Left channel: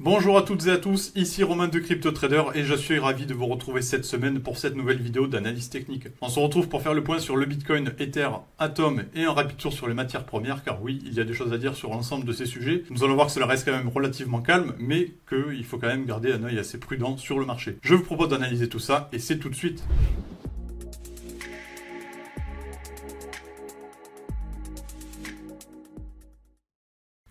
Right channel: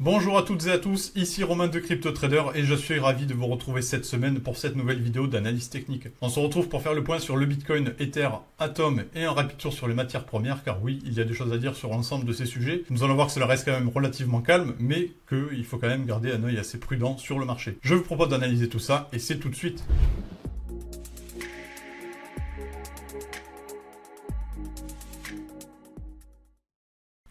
Bonjour à toutes et à tous, ici Romain de CryptoTrader et je suis ravi de vous retrouver cette semaine pour cette nouvelle vidéo d'analyse technique. On se retrouve pour faire le point sur le Bitcoin, Ether, Atom et un rapide tour sur les matières premières car oui, il y a des choses à dire sur l'ensemble de ces sujets. Nous allons voir que cela reste quand même relativement calme mais qu'il faut quand même garder un œil assez prudent sur le marché. Je vous propose d'analyser tout ça et c'est tout de suite.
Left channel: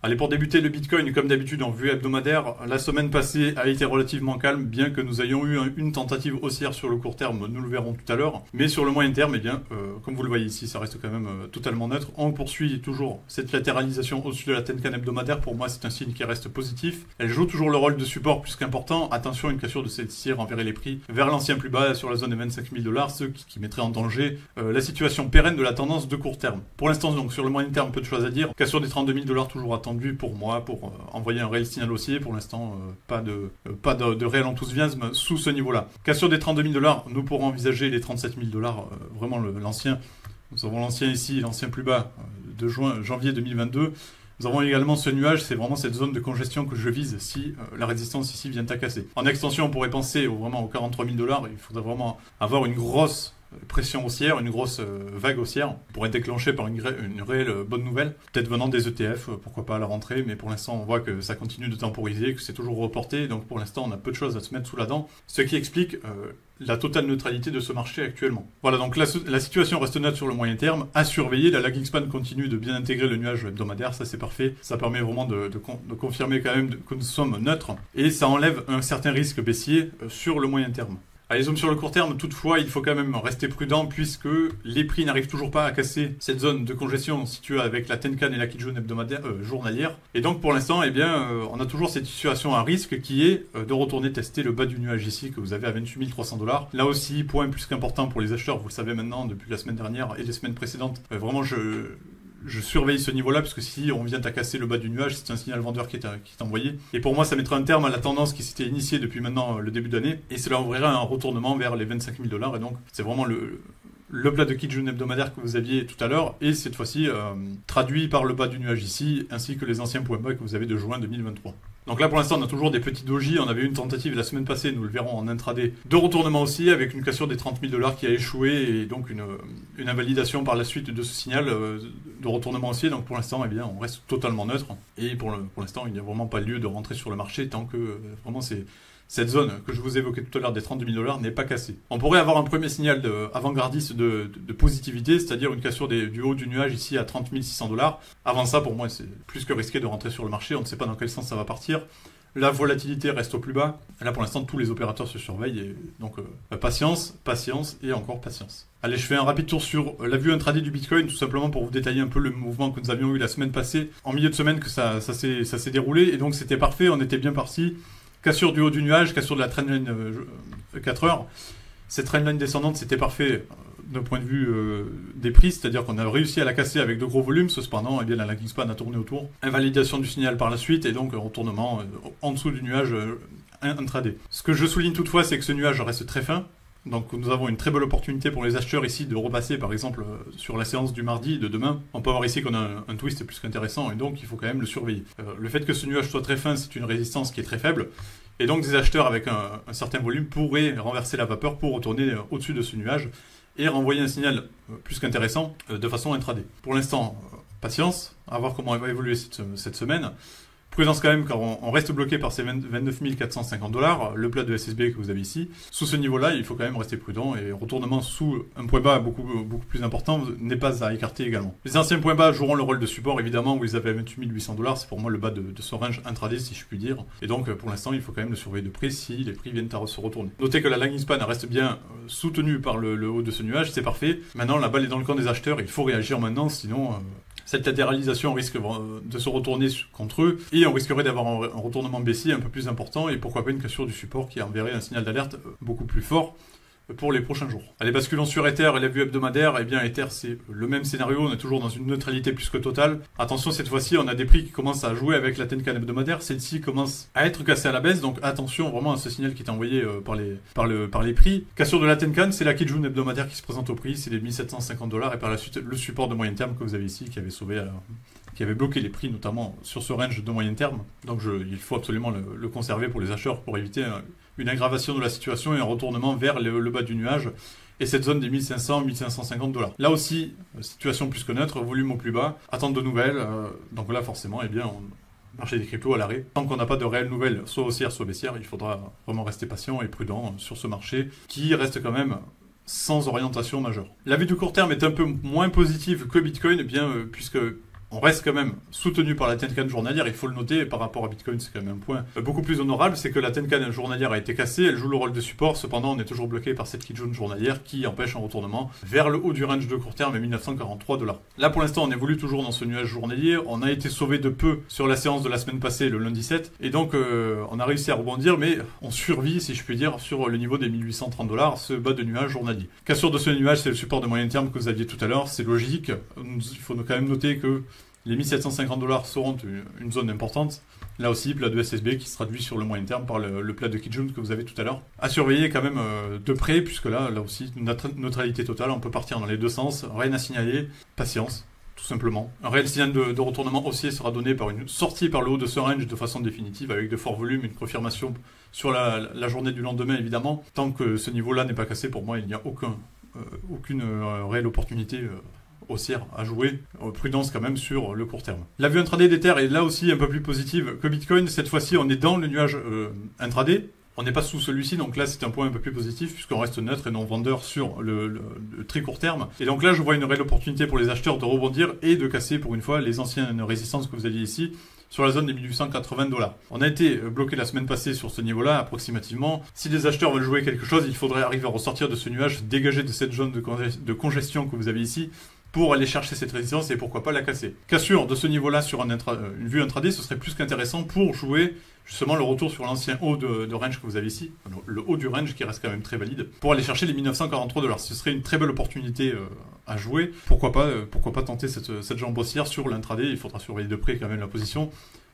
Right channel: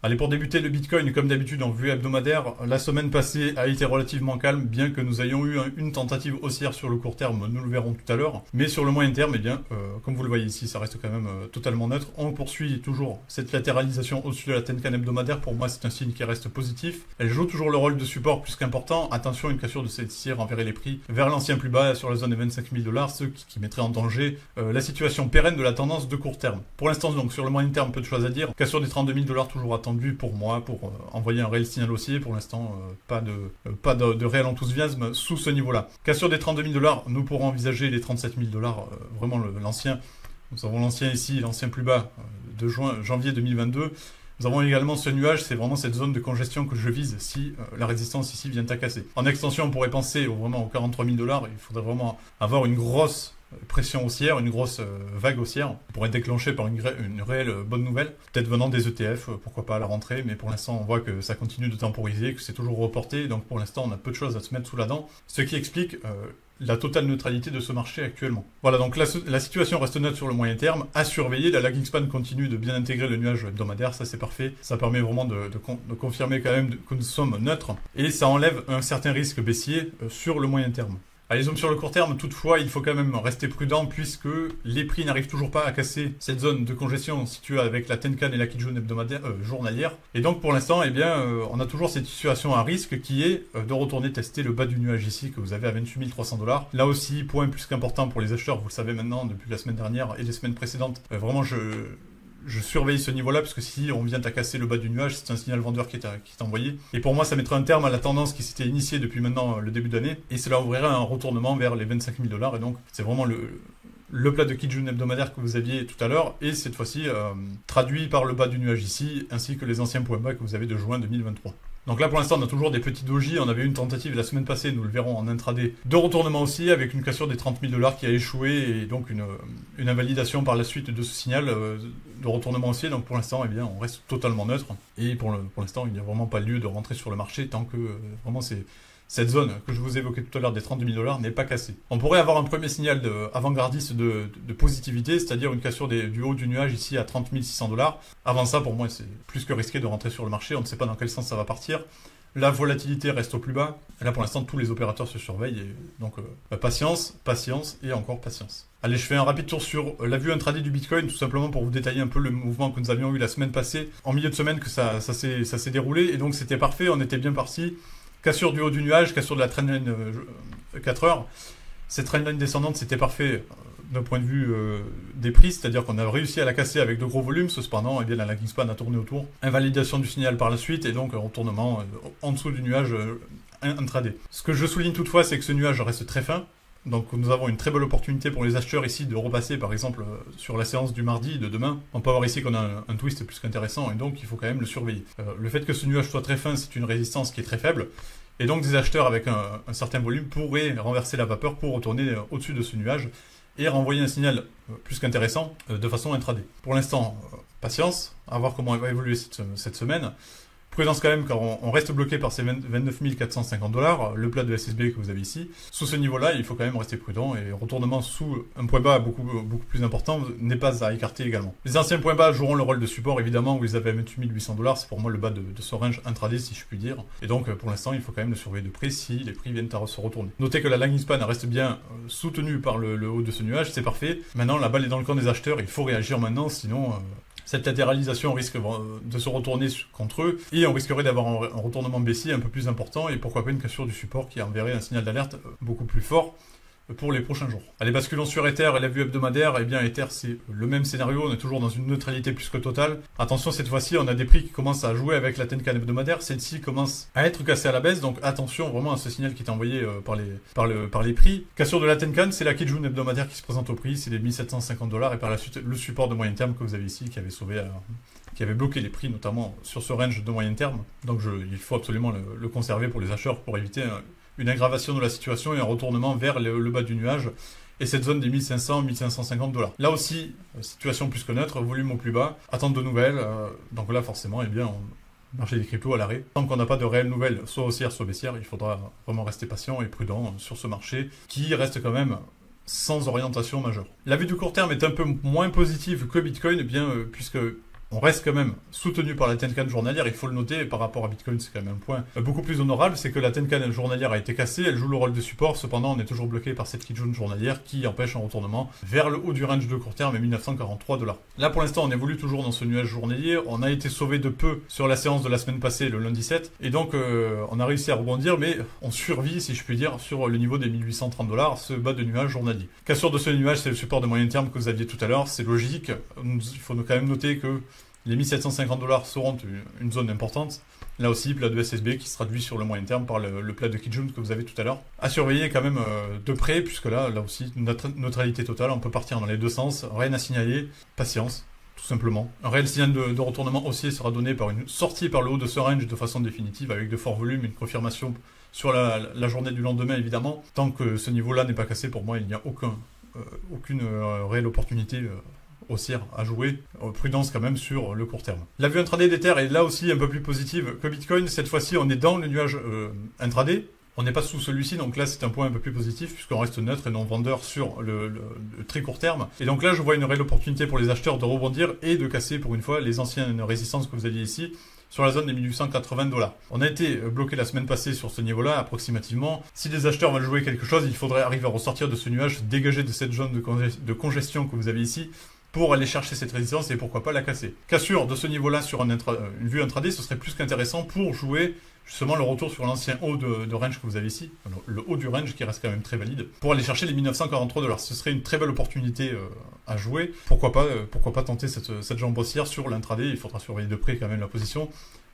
Allez, pour débuter le Bitcoin, comme d'habitude en vue hebdomadaire, la semaine passée a été relativement calme, bien que nous ayons eu une tentative haussière sur le court terme, nous le verrons tout à l'heure. Mais sur le moyen terme, eh bien, comme vous le voyez ici, ça reste quand même totalement neutre. On poursuit toujours cette latéralisation au-dessus de la Tenkan hebdomadaire. Pour moi, c'est un signe qui reste positif. Elle joue toujours le rôle de support plus qu'important. Attention, une cassure de celle-ci renverrait les prix vers l'ancien plus bas sur la zone des 25 000 $, ce qui mettrait en danger la situation pérenne de la tendance de court terme. Pour l'instant, donc, sur le moyen terme, peu de choses à dire. Cassure des 32 000 $ toujours attendue pour moi, pour envoyer un réel signal haussier. Pour l'instant, pas de réel enthousiasme sous ce niveau-là. Cassure des 32 000 $, nous pourrons envisager les 37 000 $, vraiment l'ancien. Nous avons l'ancien ici, l'ancien plus bas de janvier 2022. Nous avons également ce nuage, c'est vraiment cette zone de congestion que je vise si la résistance ici vient à casser. En extension, on pourrait penser vraiment aux 43 000 $. Il faudrait vraiment avoir une grosse pression haussière, une grosse vague haussière pour être déclenchée par une réelle bonne nouvelle, peut-être venant des ETF, pourquoi pas à la rentrée, mais pour l'instant on voit que ça continue de temporiser, que c'est toujours reporté, donc pour l'instant on a peu de choses à se mettre sous la dent, ce qui explique la totale neutralité de ce marché actuellement. Voilà, donc la situation reste neutre sur le moyen terme, à surveiller, la lagging span continue de bien intégrer le nuage hebdomadaire, ça c'est parfait, ça permet vraiment de confirmer quand même que nous sommes neutres, et ça enlève un certain risque baissier sur le moyen terme. Allez, zoom sur le court terme, toutefois, il faut quand même rester prudent puisque les prix n'arrivent toujours pas à casser cette zone de congestion située avec la Tenkan et la Kijun hebdomadaire journalière. Et donc, pour l'instant, eh bien, on a toujours cette situation à risque qui est de retourner tester le bas du nuage ici que vous avez à 28 300 $. Là aussi, point plus qu'important pour les acheteurs, vous le savez maintenant depuis la semaine dernière et les semaines précédentes. Vraiment, je surveille ce niveau-là, parce que si on vient à casser le bas du nuage, c'est un signal vendeur qui est envoyé. Et pour moi, ça mettrait un terme à la tendance qui s'était initiée depuis maintenant le début d'année. Et cela ouvrirait un retournement vers les 25 000 $. Et donc, c'est vraiment le plat de Kijun hebdomadaire que vous aviez tout à l'heure. Et cette fois-ci, traduit par le bas du nuage ici, ainsi que les anciens points bas que vous avez de juin 2023. Donc là, pour l'instant, on a toujours des petits dojis. On avait une tentative la semaine passée, nous le verrons en intraday, de retournement aussi, avec une cassure des 30 000 $ qui a échoué, et donc une invalidation par la suite de ce signal de retournement haussier. Donc pour l'instant, eh bien, on reste totalement neutre. Et pour l'instant, il n'y a vraiment pas lieu de rentrer sur le marché tant que vraiment cette zone que je vous évoquais tout à l'heure des 32 000 $ n'est pas cassée. On pourrait avoir un premier signal avant-gardiste de positivité, c'est-à-dire une cassure du haut du nuage ici à 30 600 $. Avant ça, pour moi, c'est plus que risqué de rentrer sur le marché. On ne sait pas dans quel sens ça va partir. La volatilité reste au plus bas. Là, pour l'instant, tous les opérateurs se surveillent. Et donc, patience, patience et encore patience. Allez, je fais un rapide tour sur la vue intraday du Bitcoin, tout simplement pour vous détailler un peu le mouvement que nous avions eu la semaine passée. En milieu de semaine, que ça s'est déroulé. Et donc, c'était parfait. On était bien parti. Cassure du haut du nuage, cassure de la trendline 4 heures. Cette trendline descendante, c'était parfait d'un point de vue des prix, c'est-à-dire qu'on a réussi à la casser avec de gros volumes. Cependant, eh bien, la lagging span a tourné autour. Invalidation du signal par la suite et donc un retournement en dessous du nuage intraday. Ce que je souligne toutefois, c'est que ce nuage reste très fin. Donc nous avons une très belle opportunité pour les acheteurs ici de repasser par exemple sur la séance du mardi de demain. On peut voir ici qu'on a un twist plus qu'intéressant et donc il faut quand même le surveiller. Le fait que ce nuage soit très fin, c'est une résistance qui est très faible. Et donc des acheteurs avec un certain volume pourraient renverser la vapeur pour retourner au-dessus de ce nuage et renvoyer un signal plus qu'intéressant de façon intraday. Pour l'instant, patience, à voir comment elle va évoluer cette semaine. Prudence quand même, car on reste bloqué par ces 29 450 $, le plat de SSB que vous avez ici. Sous ce niveau-là, il faut quand même rester prudent, et retournement sous un point bas beaucoup plus important n'est pas à écarter également. Les anciens points bas joueront le rôle de support, évidemment, où ils avaient 28 800 $, c'est pour moi le bas de ce range intraday, si je puis dire. Et donc, pour l'instant, il faut quand même le surveiller de près si les prix viennent à se retourner. Notez que la lagging span reste bien soutenue par le haut de ce nuage, c'est parfait. Maintenant, la balle est dans le camp des acheteurs, il faut réagir maintenant, sinon cette latéralisation risque de se retourner contre eux et on risquerait d'avoir un retournement baissier un peu plus important et pourquoi pas une cassure du support qui enverrait un signal d'alerte beaucoup plus fort pour les prochains jours. Allez, basculons sur Ether et la vue hebdomadaire. Eh bien, Ether, c'est le même scénario. On est toujours dans une neutralité plus que totale. Attention, cette fois-ci, on a des prix qui commencent à jouer avec la Tenkan hebdomadaire. Celle-ci commence à être cassée à la baisse. Donc, attention vraiment à ce signal qui est envoyé par les prix. Cassure de la Tenkan, c'est la Kijun hebdomadaire qui se présente au prix. C'est les 1750 $ et par la suite, le support de moyen terme que vous avez ici qui avait sauvé qui avait bloqué les prix, notamment sur ce range de moyen terme. Donc il faut absolument le conserver pour les acheteurs pour éviter une aggravation de la situation et un retournement vers le bas du nuage et cette zone des 1500-1550 $. Là aussi, situation plus que neutre, volume au plus bas, attente de nouvelles. Donc là, forcément, eh bien, marché des cryptos à l'arrêt. Tant qu'on n'a pas de réelles nouvelles, soit haussières, soit baissières, il faudra vraiment rester patient et prudent sur ce marché qui reste quand même sans orientation majeure. La vue du court terme est un peu moins positive que Bitcoin, puisque on reste quand même soutenu par la Tenkan journalière, il faut le noter, par rapport à Bitcoin, c'est quand même un point beaucoup plus honorable, c'est que la Tenkan journalière a été cassée, elle joue le rôle de support, cependant on est toujours bloqué par cette Kijun journalière qui empêche un retournement vers le haut du range de court terme à 1943 $. Là pour l'instant on évolue toujours dans ce nuage journalier, on a été sauvé de peu sur la séance de la semaine passée, le lundi 7, et donc on a réussi à rebondir, mais on survit, si je puis dire, sur le niveau des 1830 $, ce bas de nuage journalier. Cassure de ce nuage, c'est le support de moyen terme que vous aviez tout à l'heure, c'est logique, il faut quand même noter que les 1750 $ seront une zone importante. Là aussi, plat de SSB qui se traduit sur le moyen terme par le plat de Kijun que vous avez tout à l'heure. À surveiller quand même de près, puisque là aussi, neutralité totale, on peut partir dans les deux sens. Rien à signaler, patience, tout simplement. Un réel signal de retournement haussier sera donné par une sortie par le haut de ce range de façon définitive, avec de forts volumes, une confirmation sur la journée du lendemain, évidemment. Tant que ce niveau-là n'est pas cassé, pour moi, il n'y a aucune réelle opportunité haussière à jouer, prudence quand même sur le court terme. La vue intraday d'Ether est là aussi un peu plus positive que Bitcoin. Cette fois-ci, on est dans le nuage intraday. On n'est pas sous celui-ci, donc là c'est un point un peu plus positif puisqu'on reste neutre et non vendeur sur le très court terme. Et donc là, je vois une réelle opportunité pour les acheteurs de rebondir et de casser pour une fois les anciennes résistances que vous aviez ici sur la zone des 1880 $. On a été bloqué la semaine passée sur ce niveau-là, approximativement. Si les acheteurs veulent jouer quelque chose, il faudrait arriver à ressortir de ce nuage, se dégager de cette zone de congestion que vous avez ici, pour aller chercher cette résistance et pourquoi pas la casser. Cassure de ce niveau-là sur une vue intraday, ce serait plus qu'intéressant pour jouer justement le retour sur l'ancien haut de range que vous avez ici, le haut du range qui reste quand même très valide, pour aller chercher les 1943 $. Ce serait une très belle opportunité à jouer. Pourquoi pas tenter cette jambe haussière sur l'intraday, il faudra surveiller de près quand même la position.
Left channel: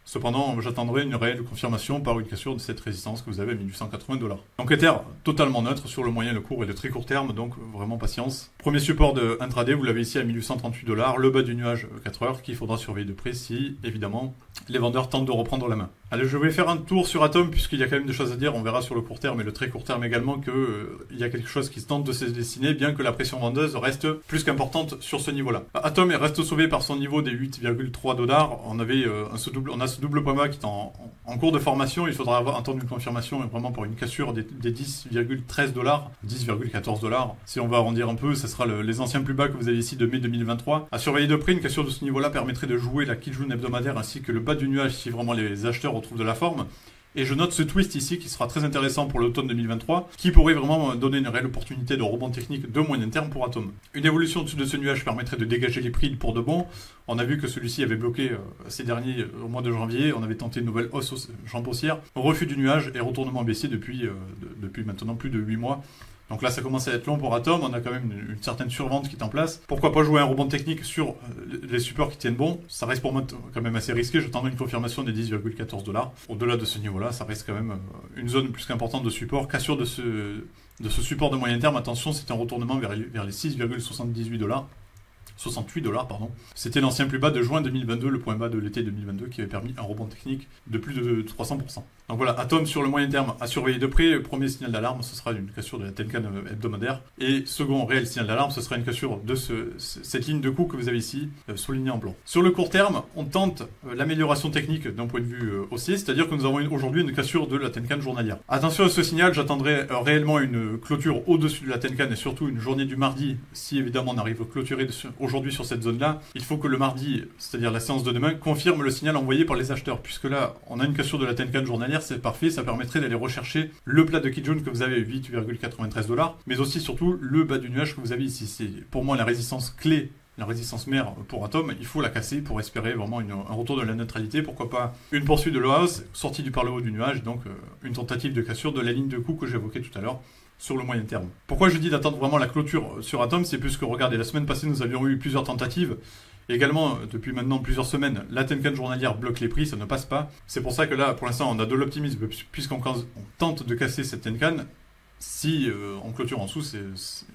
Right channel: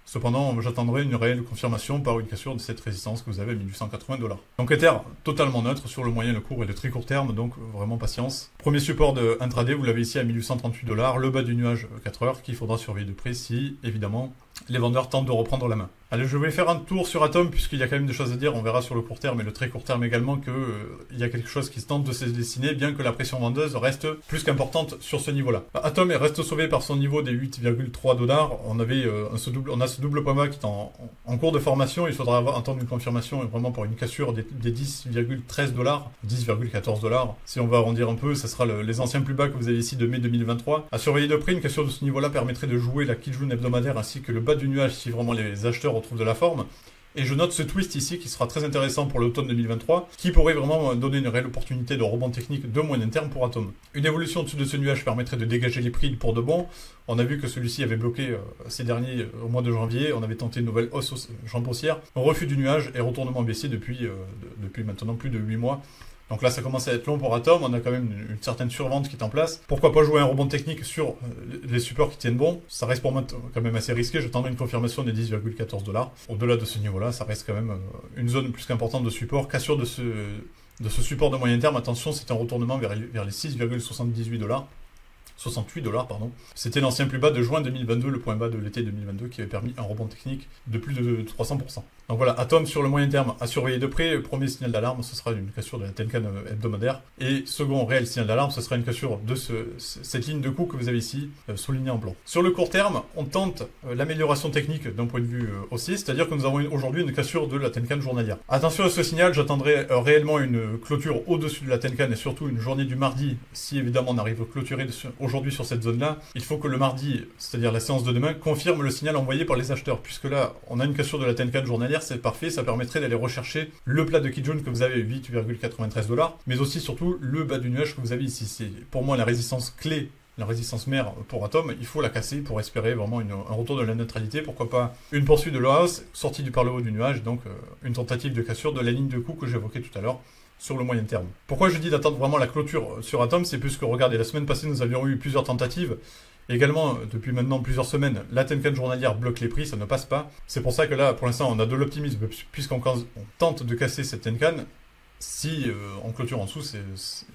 Cependant, j'attendrai une réelle confirmation par une cassure de cette résistance que vous avez à 1880 $. Donc Ether, totalement neutre sur le moyen, le court et le très court terme, donc vraiment patience. Premier support de intraday, vous l'avez ici à 1838 $, le bas du nuage 4 heures, qu'il faudra surveiller de près si, évidemment, les vendeurs tentent de reprendre la main. Allez, je vais faire un tour sur Atom, puisqu'il y a quand même des choses à dire, on verra sur le court terme et le très court terme également qu'il y a quelque chose qui se tente de se dessiner, bien que la pression vendeuse reste plus qu'importante sur ce niveau-là. Atom reste sauvé par son niveau des 8,3 $, on a ce double point bas qui est en cours de formation, il faudra attendre une confirmation vraiment pour une cassure des 10,13 $, 10,14 $. Si on va arrondir un peu, ça sera les anciens plus bas que vous avez ici de mai 2023. À surveiller de près, une cassure de ce niveau-là permettrait de jouer la Kijun hebdomadaire ainsi que le bas du nuage si vraiment les acheteurs retrouvent de la forme. Et je note ce twist ici qui sera très intéressant pour l'automne 2023, qui pourrait vraiment donner une réelle opportunité de rebond technique de moyen terme pour Atom. Une évolution au-dessus de ce nuage permettrait de dégager les prix pour de bon. On a vu que celui-ci avait bloqué ces derniers au mois de janvier, on avait tenté une nouvelle jambe haussière, refus du nuage et retournement baissier depuis maintenant plus de 8 mois. Donc là, ça commence à être long pour Atom, on a quand même une certaine survente qui est en place. Pourquoi pas jouer un rebond technique sur les supports qui tiennent bon? Ça reste pour moi quand même assez risqué, j'attendrai une confirmation des 10,14 $. Au-delà de ce niveau-là, ça reste quand même une zone plus qu'importante de support. Cassure de ce support de moyen terme, attention, c'est un retournement vers les 6,78 $. 68 $, pardon. C'était l'ancien plus bas de juin 2022, le point bas de l'été 2022 qui avait permis un rebond technique de plus de 300%. Donc voilà, Atom sur le moyen terme à surveiller de près. Premier signal d'alarme, ce sera une cassure de la Tenkan hebdomadaire. Et second réel signal d'alarme, ce sera une cassure de cette ligne de coup que vous avez ici, soulignée en blanc. Sur le court terme, on tente l'amélioration technique d'un point de vue haussier, c'est-à-dire que nous avons aujourd'hui une cassure de la Tenkan journalière. Attention à ce signal, j'attendrai réellement une clôture au-dessus de la Tenkan et surtout une journée du mardi, si évidemment on arrive à clôturer aujourd'hui sur cette zone-là. Il faut que le mardi, c'est-à-dire la séance de demain, confirme le signal envoyé par les acheteurs, puisque là, on a une cassure de la Tenkan journalière, c'est parfait, ça permettrait d'aller rechercher le plat de Kijun que vous avez à 8,93 $, mais aussi surtout le bas du nuage que vous avez ici. C'est pour moi la résistance clé, la résistance mère pour Atom, il faut la casser pour espérer vraiment un retour de la neutralité, pourquoi pas une poursuite de la hausse, sortie par le haut du nuage, donc une tentative de cassure de la ligne de coup que j'évoquais tout à l'heure sur le moyen terme. Pourquoi je dis d'attendre vraiment la clôture sur Atom? C'est plus que, regardez, la semaine passée nous avions eu plusieurs tentatives. Également, depuis maintenant plusieurs semaines, la Tenkan journalière bloque les prix, ça ne passe pas. C'est pour ça que là, pour l'instant, on a de l'optimisme, puisqu'on tente de casser cette Tenkan. Si on clôture en dessous,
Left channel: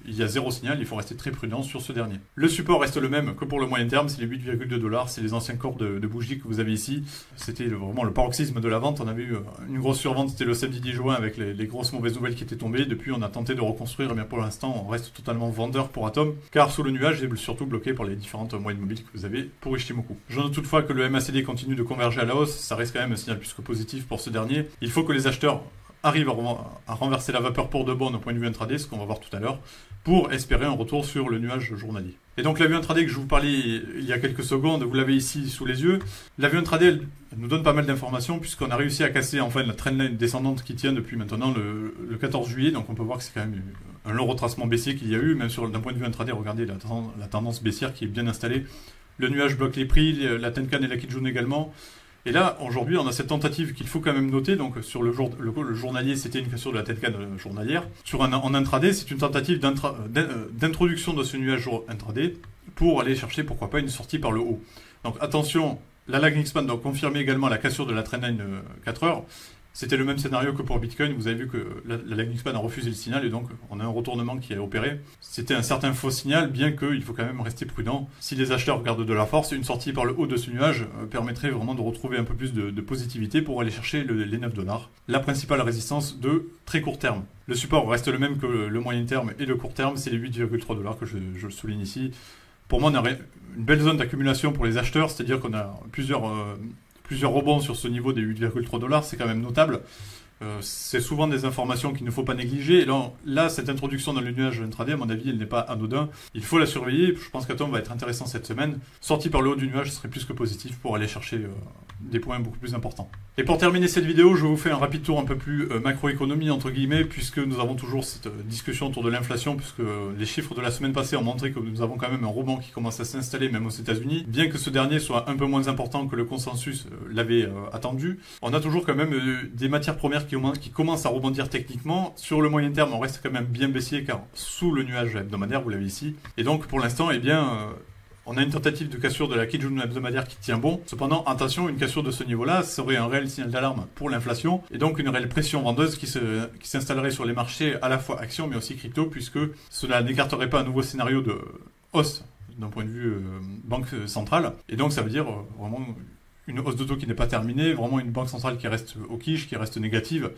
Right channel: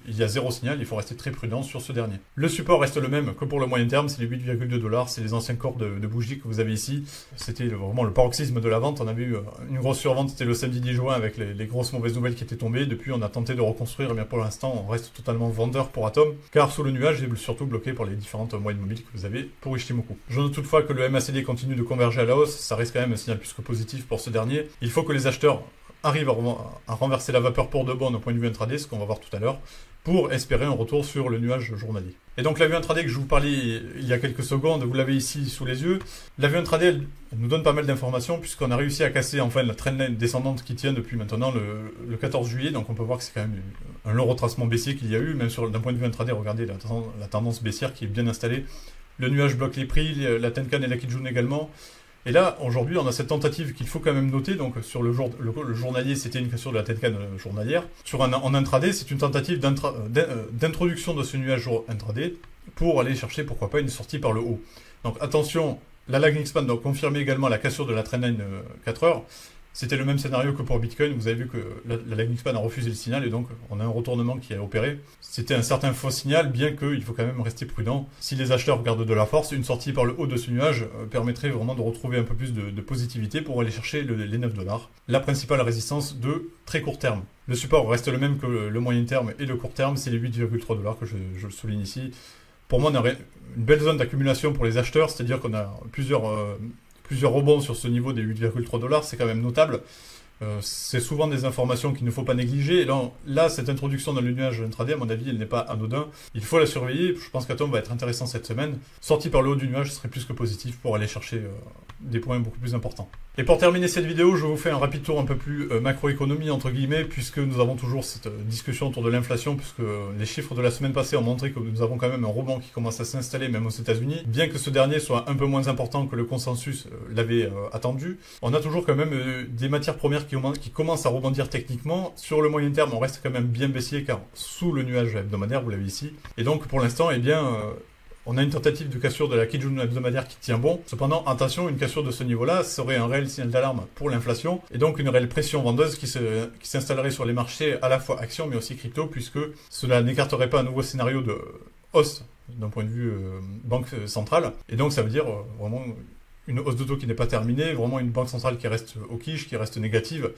il y a zéro signal, il faut rester très prudent sur ce dernier. Le support reste le même que pour le moyen terme, c'est les 8,2 $, c'est les anciens corps de bougies que vous avez ici. C'était vraiment le paroxysme de la vente, on avait eu une grosse survente, c'était le samedi 10 juin avec les grosses mauvaises nouvelles qui étaient tombées. Depuis on a tenté de reconstruire, mais pour l'instant on reste totalement vendeur pour Atom, car sous le nuage il est surtout bloqué par les différentes moyennes mobiles que vous avez pour Ichimoku. Je note toutefois que le MACD continue de converger à la hausse, ça reste quand même un signal plus que positif pour ce dernier. Il faut que les acheteurs arrive à renverser la vapeur pour de bon au point de vue intraday, ce qu'on va voir tout à l'heure, pour espérer un retour sur le nuage journalier. Et donc la vue intraday que je vous parlais il y a quelques secondes, vous l'avez ici sous les yeux. La vue intraday, elle nous donne pas mal d'informations puisqu'on a réussi à casser enfin la trendline descendante qui tient depuis maintenant le 14 juillet. Donc on peut voir que c'est quand même un long retracement baissier qu'il y a eu, même d'un point de vue intraday, regardez la tendance baissière qui est bien installée. Le nuage bloque les prix, la Tenkan et la Kijun également. Et là, aujourd'hui, on a cette tentative qu'il faut quand même noter. Donc, sur le journalier, c'était une cassure de la Tenkan journalière. En intraday, c'est une tentative d'introduction de ce nuage intraday pour aller chercher, pourquoi pas, une sortie par le haut. Donc, attention, la lagging span doit confirmer également la cassure de la trendline 4 heures. C'était le même scénario que pour Bitcoin. Vous avez vu que la lagging span a refusé le signal et donc on a un retournement qui a opéré. C'était un certain faux signal, bien qu'il faut quand même rester prudent. Si les acheteurs gardent de la force, une sortie par le haut de ce nuage permettrait vraiment de retrouver un peu plus de positivité pour aller chercher les 9 $. La principale résistance de très court terme. Le support reste le même que le moyen terme et le court terme, c'est les 8,3 $ que je souligne ici. Pour moi, on aurait une belle zone d'accumulation pour les acheteurs, c'est-à-dire qu'on a plusieurs rebonds sur ce niveau des 8,3 $, c'est quand même notable. C'est souvent des informations qu'il ne faut pas négliger. Et là, cette introduction dans le nuage intraday, à mon avis, elle n'est pas anodin. Il faut la surveiller. Je pense qu'Atom va être intéressant cette semaine. Sorti par le haut du nuage, ce serait plus que positif pour aller chercher des points beaucoup plus importants. Et pour terminer cette vidéo, je vous fais un rapide tour un peu plus macroéconomie, entre guillemets, puisque nous avons toujours cette discussion autour de l'inflation, puisque les chiffres de la semaine passée ont montré que nous avons quand même un rebond qui commence à s'installer, même aux États-Unis, bien que ce dernier soit un peu moins important que le consensus l'avait attendu. On a toujours quand même des matières premières qui commencent à rebondir techniquement. Sur le moyen terme, on reste quand même bien baissier, car sous le nuage hebdomadaire, vous l'avez ici. Et donc, pour l'instant, eh bien, on a une tentative de cassure de la Kijun hebdomadaire qui tient bon. Cependant, attention, une cassure de ce niveau-là serait un réel signal d'alarme pour l'inflation et donc une réelle pression vendeuse qui s'installerait sur les marchés à la fois actions mais aussi crypto, puisque cela n'écarterait pas un nouveau scénario de hausse d'un point de vue banque centrale. Et donc, ça veut dire vraiment une hausse de taux qui n'est pas terminée, vraiment une banque centrale qui reste au quiche, qui reste négative,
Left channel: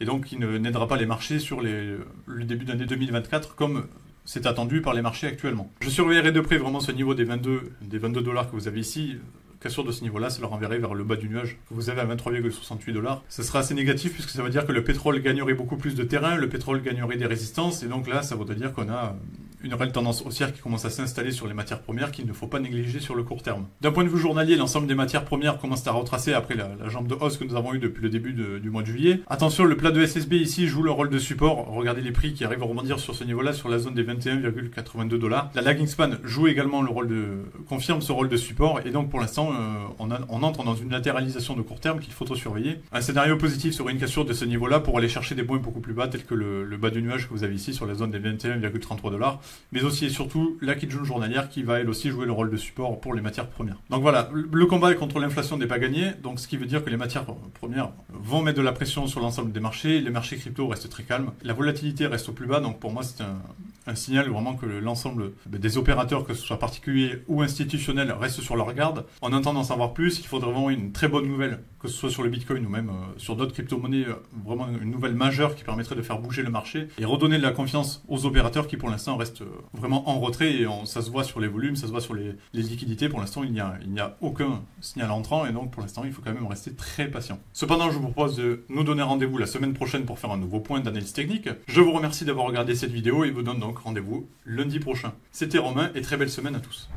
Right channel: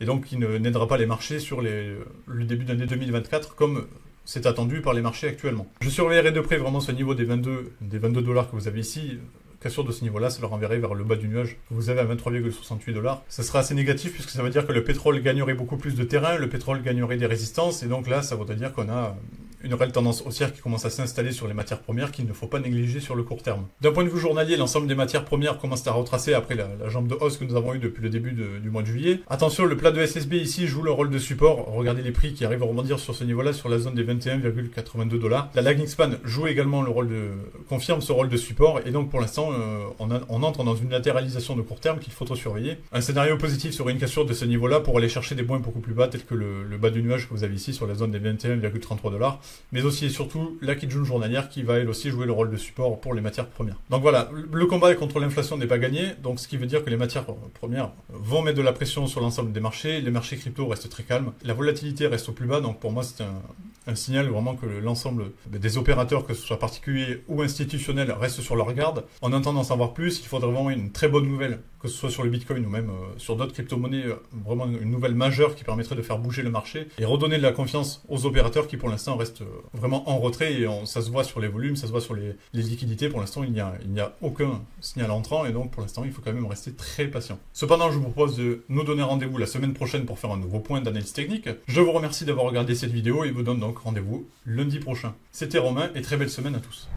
et donc qui n'aidera pas les marchés sur le début d'année 2024 comme c'est attendu par les marchés actuellement. Je surveillerai de près vraiment ce niveau des 22 $ que vous avez ici. Cassure de ce niveau-là, ça le renverrait vers le bas du nuage que vous avez à 23,68 $. Ça sera assez négatif puisque ça veut dire que le pétrole gagnerait beaucoup plus de terrain, le pétrole gagnerait des résistances, et donc là, ça voudrait dire qu'on a une réelle tendance haussière qui commence à s'installer sur les matières premières qu'il ne faut pas négliger sur le court terme. D'un point de vue journalier, l'ensemble des matières premières commence à retracer après la jambe de hausse que nous avons eue depuis le début du mois de juillet. Attention, le plat de SSB ici joue le rôle de support. Regardez les prix qui arrivent à rebondir sur ce niveau-là, sur la zone des 21,82 $. La lagging span joue également confirme ce rôle de support, et donc pour l'instant, on entre dans une latéralisation de court terme qu'il faut surveiller. Un scénario positif serait une cassure de ce niveau-là pour aller chercher des points beaucoup plus bas, tels que le bas du nuage que vous avez ici sur la zone des 21,33 $. Mais aussi et surtout la Kijun journalière qui va elle aussi jouer le rôle de support pour les matières premières. Donc voilà, le combat contre l'inflation n'est pas gagné, donc ce qui veut dire que les matières premières vont mettre de la pression sur l'ensemble des marchés, les marchés crypto restent très calmes, la volatilité reste au plus bas, donc pour moi c'est un signal vraiment que l'ensemble des opérateurs, que ce soit particuliers ou institutionnels, restent sur leur garde. En attendant d'en savoir plus, il faudrait vraiment une très bonne nouvelle, que ce soit sur le Bitcoin ou même sur d'autres crypto-monnaies, vraiment une nouvelle majeure qui permettrait de faire bouger le marché et redonner de la confiance aux opérateurs qui pour l'instant restent vraiment en retrait, et ça se voit sur les volumes, ça se voit sur les liquidités. Pour l'instant, il n'y a aucun signal entrant, et donc pour l'instant, il faut quand même rester très patient. Cependant, je vous propose de nous donner rendez-vous la semaine prochaine pour faire un nouveau point d'analyse technique. Je vous remercie d'avoir regardé cette vidéo et vous donne donc rendez-vous lundi prochain. C'était Romain et très belle semaine à tous.